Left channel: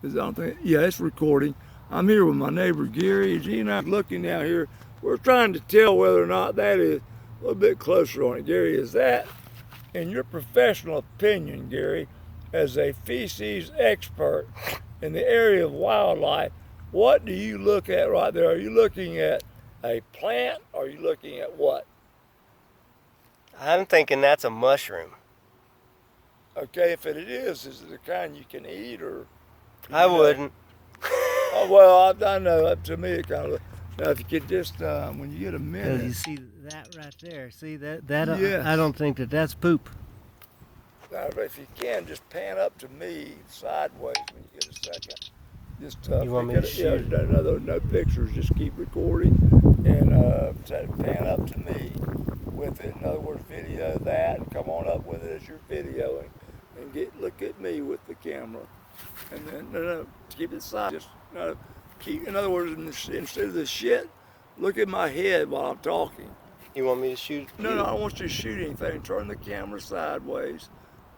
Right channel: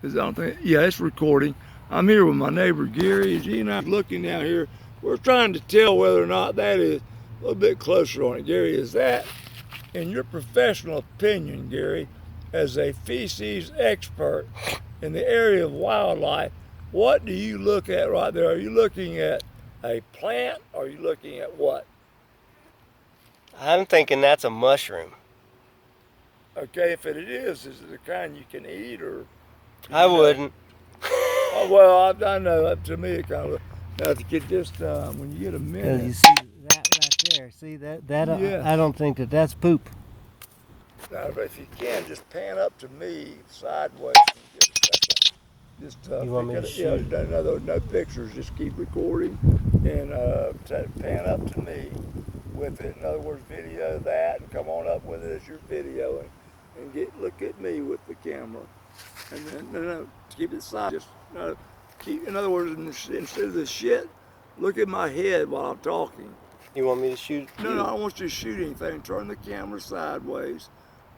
'Cause I don't think, yeah, it's recording. I'm here with my neighbor Gary. He and I are looking down here. We're trying to tell whether or not that is a little bit closer on it. Gary, is that, in your professional opinion, Gary, as a feces expert in the area of wildlife, what do you look at right there? Are you looking at a plant? Or are you looking at what? I'm thinking that's a mushroom. Okay, if it is it the kind you can eat or? I wouldn't. Oh, well, I know. To me, it kind of. Now, if you could just, when you get a minute. You see that right there? See that? Yeah. I don't think that's poop. Now, if you can, just pan up to me sideways when you get a second. Just You want me to shoot? Yeah, no pictures. Just keep recording and pan up to me with it. In other words, video that. Come on up with it as your video and look at me with the camera. And then no, keep it side. Just keep. In other words, instead of the shit, look at my head while I'm talking. You want me to shoot? No, I don't want you to shoot anything. Turn the camera sideways,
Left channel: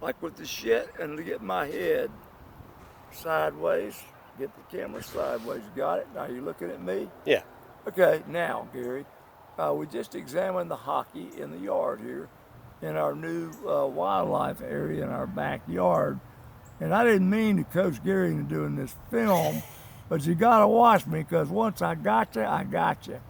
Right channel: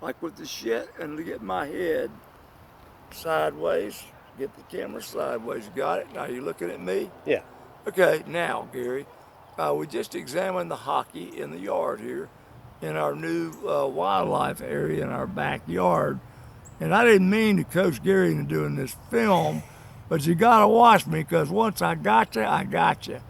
like with the shit, and get my head sideways. Get the camera sideways. Got it? Now you looking at me? Yeah. Okay, now, Gary, we just examined the hockey in the yard here in our new wildlife area in our backyard. And I didn't mean to coach Gary into doing this film, but you got to watch me because once I got you, I got you.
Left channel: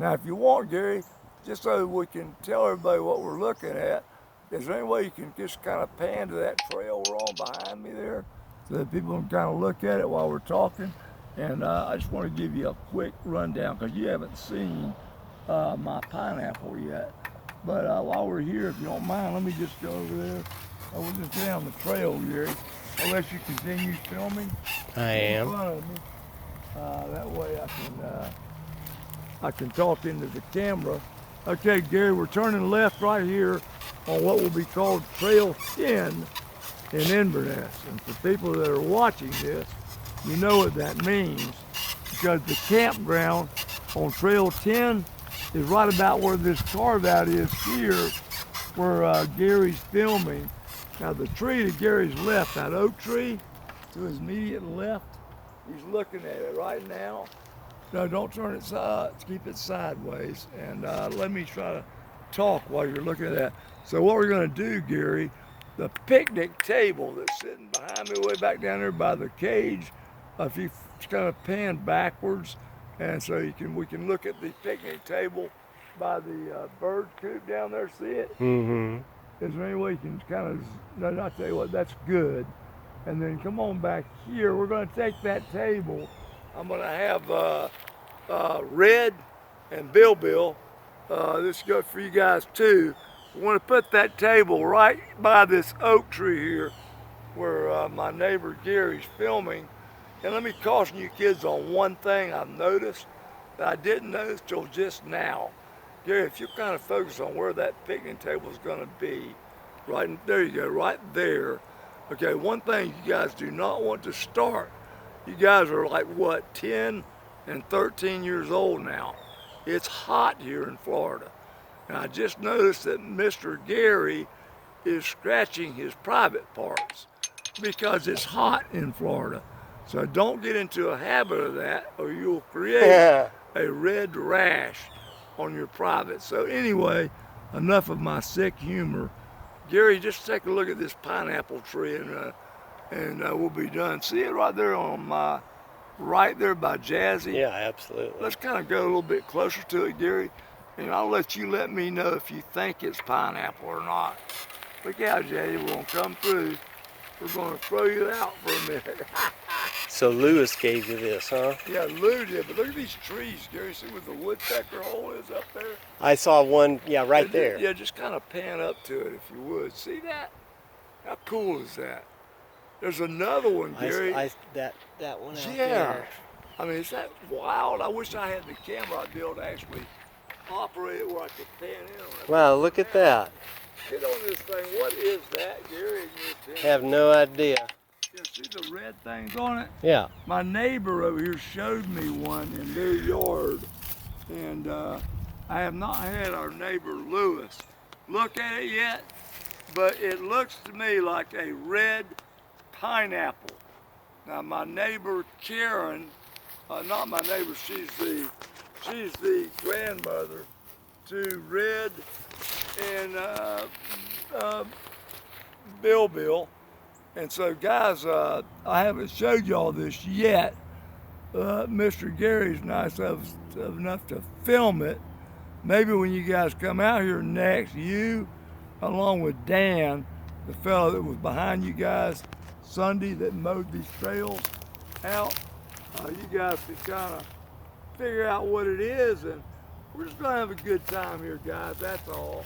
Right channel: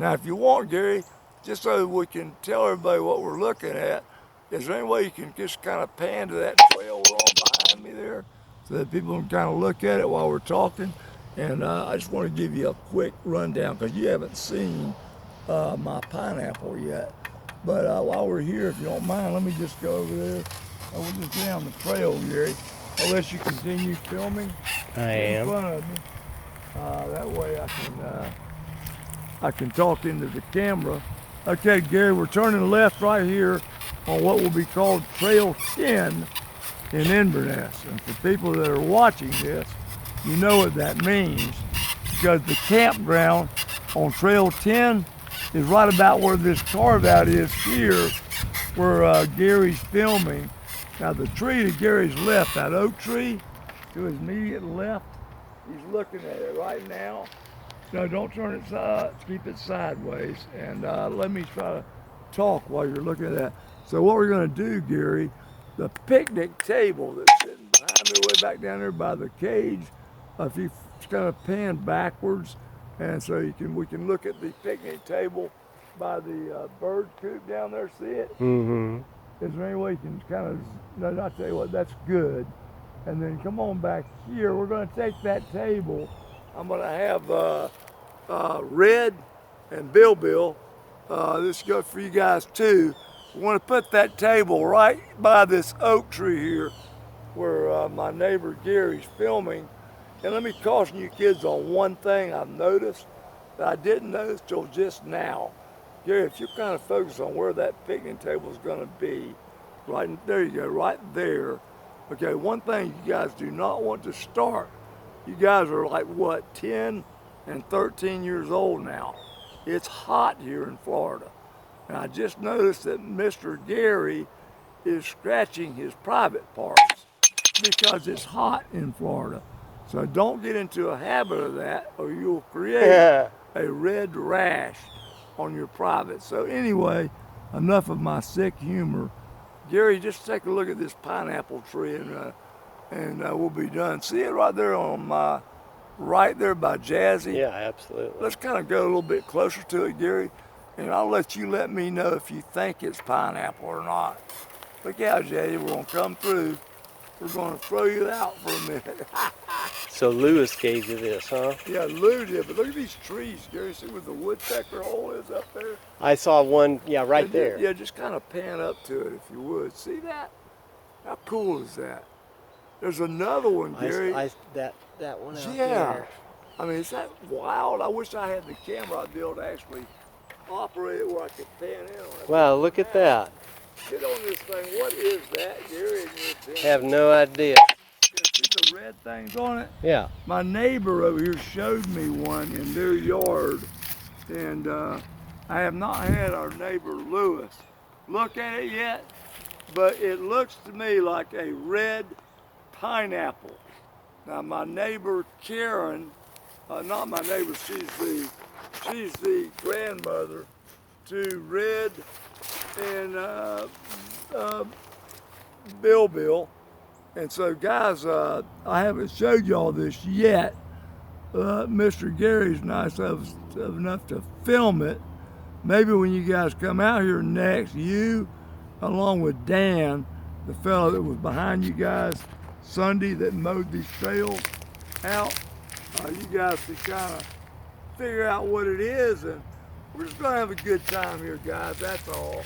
Now, if you want, Gary, just so we can tell everybody what we're looking at, is there any way you can just kind of pan to that trail we're on behind me there so that people can kind of look at it while we're talking? And I just want to give you a quick rundown because you haven't seen my pineapple yet. But while we're here, if you don't mind, let me just go over there. We'll just go down the trail, Gary. Unless you continue filming. I am. In front of me. That way I can talk into the camera. Okay, Gary, we're turning left right here on what will be called Trail 10 in Inverness. And for people that are watching this, you know what that means because the campground on Trail 10 is right about where this carve out is here where Gary's filming. Now the tree to Gary's left, that oak tree to his immediate left, he's looking at it right now. No, don't turn it keep it sideways. And let me try to talk while you're looking at that. So what we're gonna do, Gary, the picnic table that's sitting behind me way back down there by the cage, if you kind of pan backwards, and so we can look at the picnic table by the bird coop down there, see it? Mm-hmm. Is there any way you can kind of, no, I'll tell you what, that's good. And then come on back here. We're going to take that table. I'm going to have Red and Bill. This goes for you guys too. We want to put that table right by this oak tree here where my neighbor Gary's filming. And let me caution you kids on one thing I've noticed that I didn't notice till just now. Gary, if you kind of focus on where that picnic table is going to be, right there you go, right there. Okay, one thing you guys do not want to start. You guys are like what, 10 and 13 years old now. It's hot here in Florida. And I just noticed that Mr. Gary is scratching his private parts because it's hot in Florida. So don't get into a habit of that or you'll create a red rash on your private. So anyway, enough of my sick humor. Gary, just take a look at this pineapple tree and we'll be done. See it right there on my, right there by Jazzy? Yeah, absolutely. Let's kind of go a little bit closer to it, Gary, and I'll let you let me know if you think it's pineapple or not. Look out, Jazzy, we're gonna come through. We're gonna throw you out for a minute. So Lewis gave you this, huh? Yeah, Lou did, but look at these trees, Gary. See where the woodpecker hole is up there? I saw one, yeah, right there. Yeah, just kind of pan up to it if you would. See that? How cool is that? There's another one, Gary. That one out yeah. there. I mean, is that wild? I wish I had the camera. I'd be able to actually operate it where I could pan in on it. Wow, look at that. Get on this thing. What is that, Gary? Have no idea. See the red things on it? Yeah. My neighbor over here showed me one in their yard, and I have not had our neighbor Lewis look at it yet, but it looks to me like a red pineapple. Now my neighbor Karen, not my neighbor, she's the grandmother to Red and Bill. And so guys, I haven't showed y'all this yet. Mr. Gary's nice enough to film it. Maybe when you guys come out here next, you along with Dan, the fellow that was behind you guys Sunday that mowed these trails out, you guys can kind of figure out what it is, and we're just gonna have a good time here, guys. That's all.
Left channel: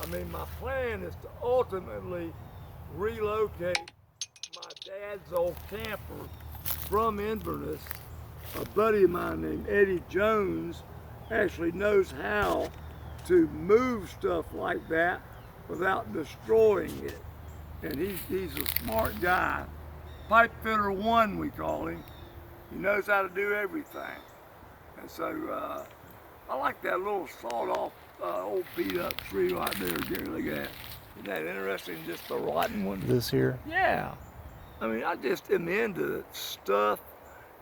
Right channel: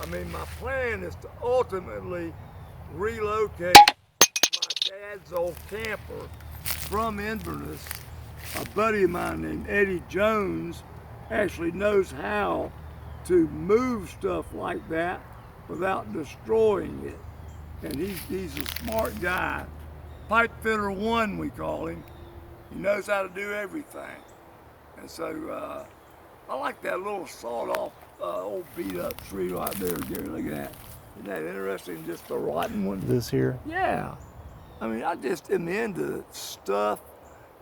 I mean, my plan is to ultimately relocate my dad's old camper from Inverness. A buddy of mine named Eddie Jones actually knows how to move stuff like that without destroying it. And he's a smart guy. Pipe fitter one, we call him. He knows how to do everything. And so I like that little sawed-off old beat-up tree right there, Gary. Look at that. Isn't that interesting? Just the rotten one. This here? Yeah. I mean, I just am into stuff.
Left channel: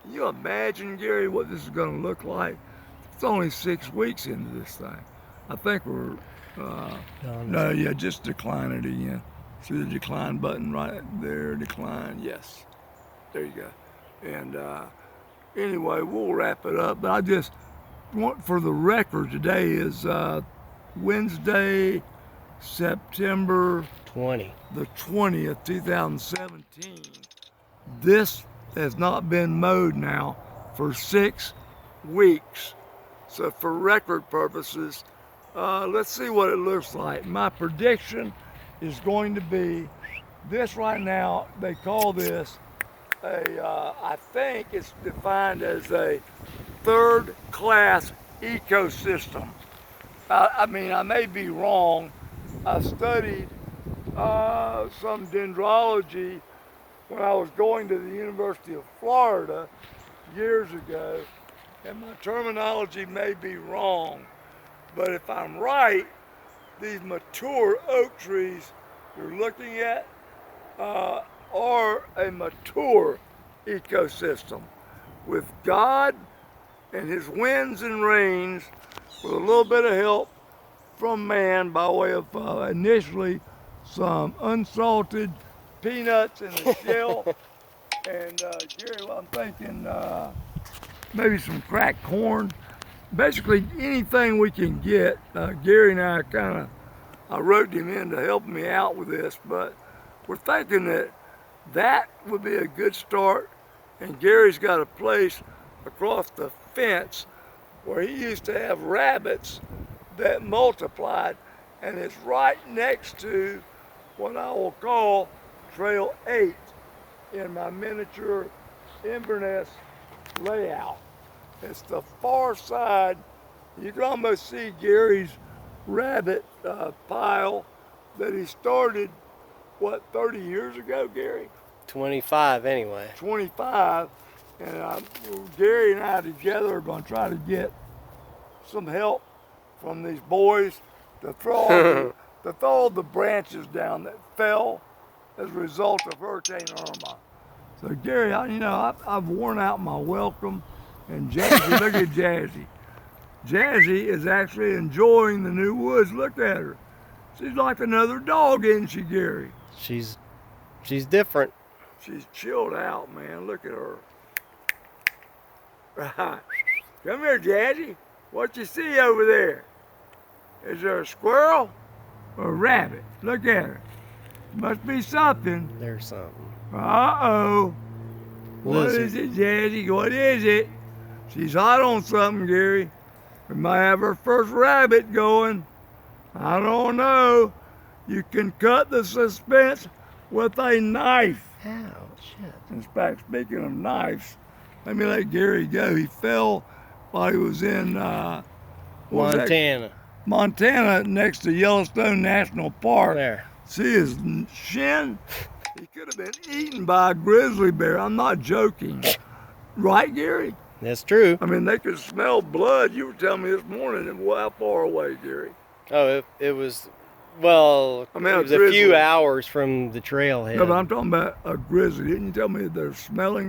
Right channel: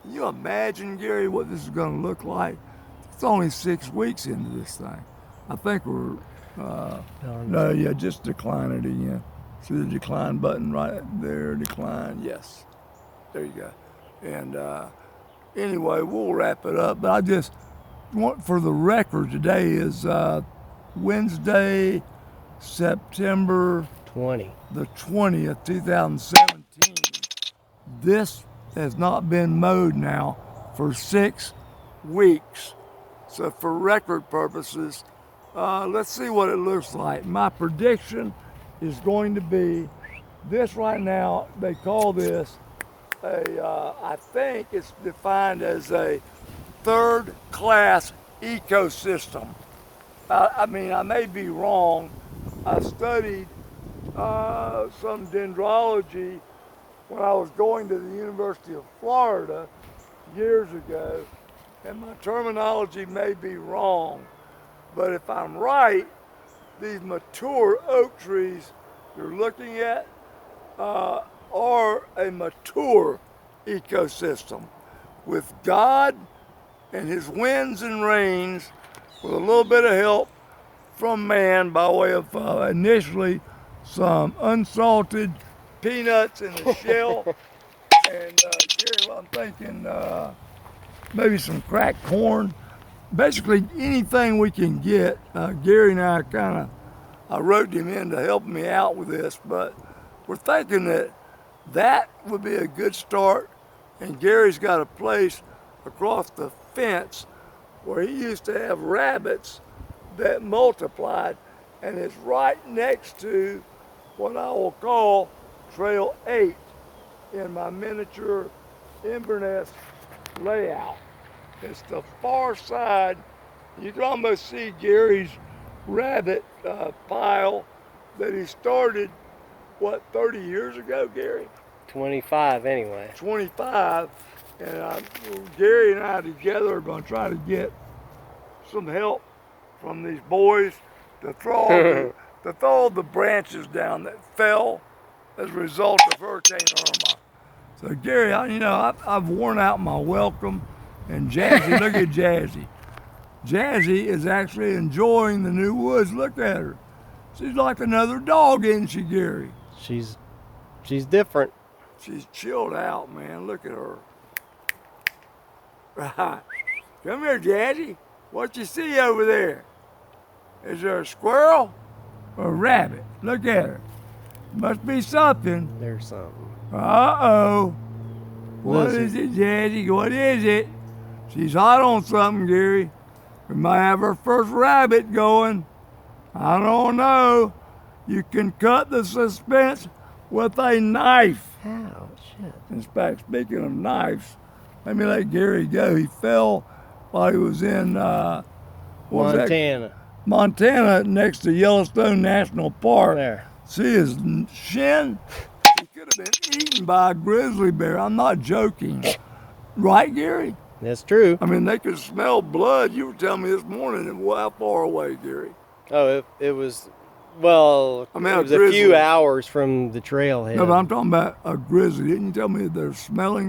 Can you imagine, Gary, what this is going to look like? It's only 6 weeks into this thing. I think we're, no, yeah, just decline it again. See the decline button right there, decline, yes. There you go. And anyway, we'll wrap it up. But I just want, for the record, today is Wednesday, September 20. the 20th, 2017. This has not been mowed now for 6 weeks. So for record purposes, let's see what it looks like. My prediction is going to be this right now. They call this I think it's defined as a third-class ecosystem. I mean, I may be wrong. I studied some dendrology when I was going to the University of Florida years ago, and my terminology may be wrong, but if I'm right, these mature oak trees you're looking at are a mature ecosystem with God and his winds and rains, with a little bit of help from man by way of initially some unsalted peanuts in the shell, and Gary, well, I'm thinking maybe some cracked corn. Basically anything we can get. Gary and I roped him in to help me out with this, but we're thinking that would be a good start. And Gary's got a place across the fence where he used to have rabbits that multiplied, and it's right next to what I will call Trail 8 in my miniature Inverness layout. It's the far side. You can almost see Gary's rabbit pile that he started, what, 30 years ago, Gary? 25 anyway. 25. And Gary and I together are going to try to get some help from these boys to throw all the branches down that fell as a result of Hurricane Irma. So Gary, I've worn out my welcome, and Jazzy, look at Jazzy. Jazzy is actually enjoying the new woods. Look at her. She's like another dog, isn't she, Gary? She's different. She's chilled out, man. Look at her. Right. Come here, Jazzy. What you see over there? Is there a squirrel or a rabbit? Look at her. Must be something. There's something. Uh-oh. What is it, Jazzy? What is it? She's hot on something, Gary. We might have our first rabbit going. I don't know. You can cut the suspense with a knife. Ow, shit. In fact, speaking of knives, let me let Gary go. He fell while he was in Montana. Montana, next to Yellowstone National Park. There. See his shin? He could have been eaten by a grizzly bear. I'm not joking. Right, Gary? That's true. I mean, they could smell blood. You were telling me this morning. And how far away, Gary? Oh, it was, well, I mean, it was a few hours from the trailhead. No, but I'm talking about a grizzly. Didn't you tell me they're smelling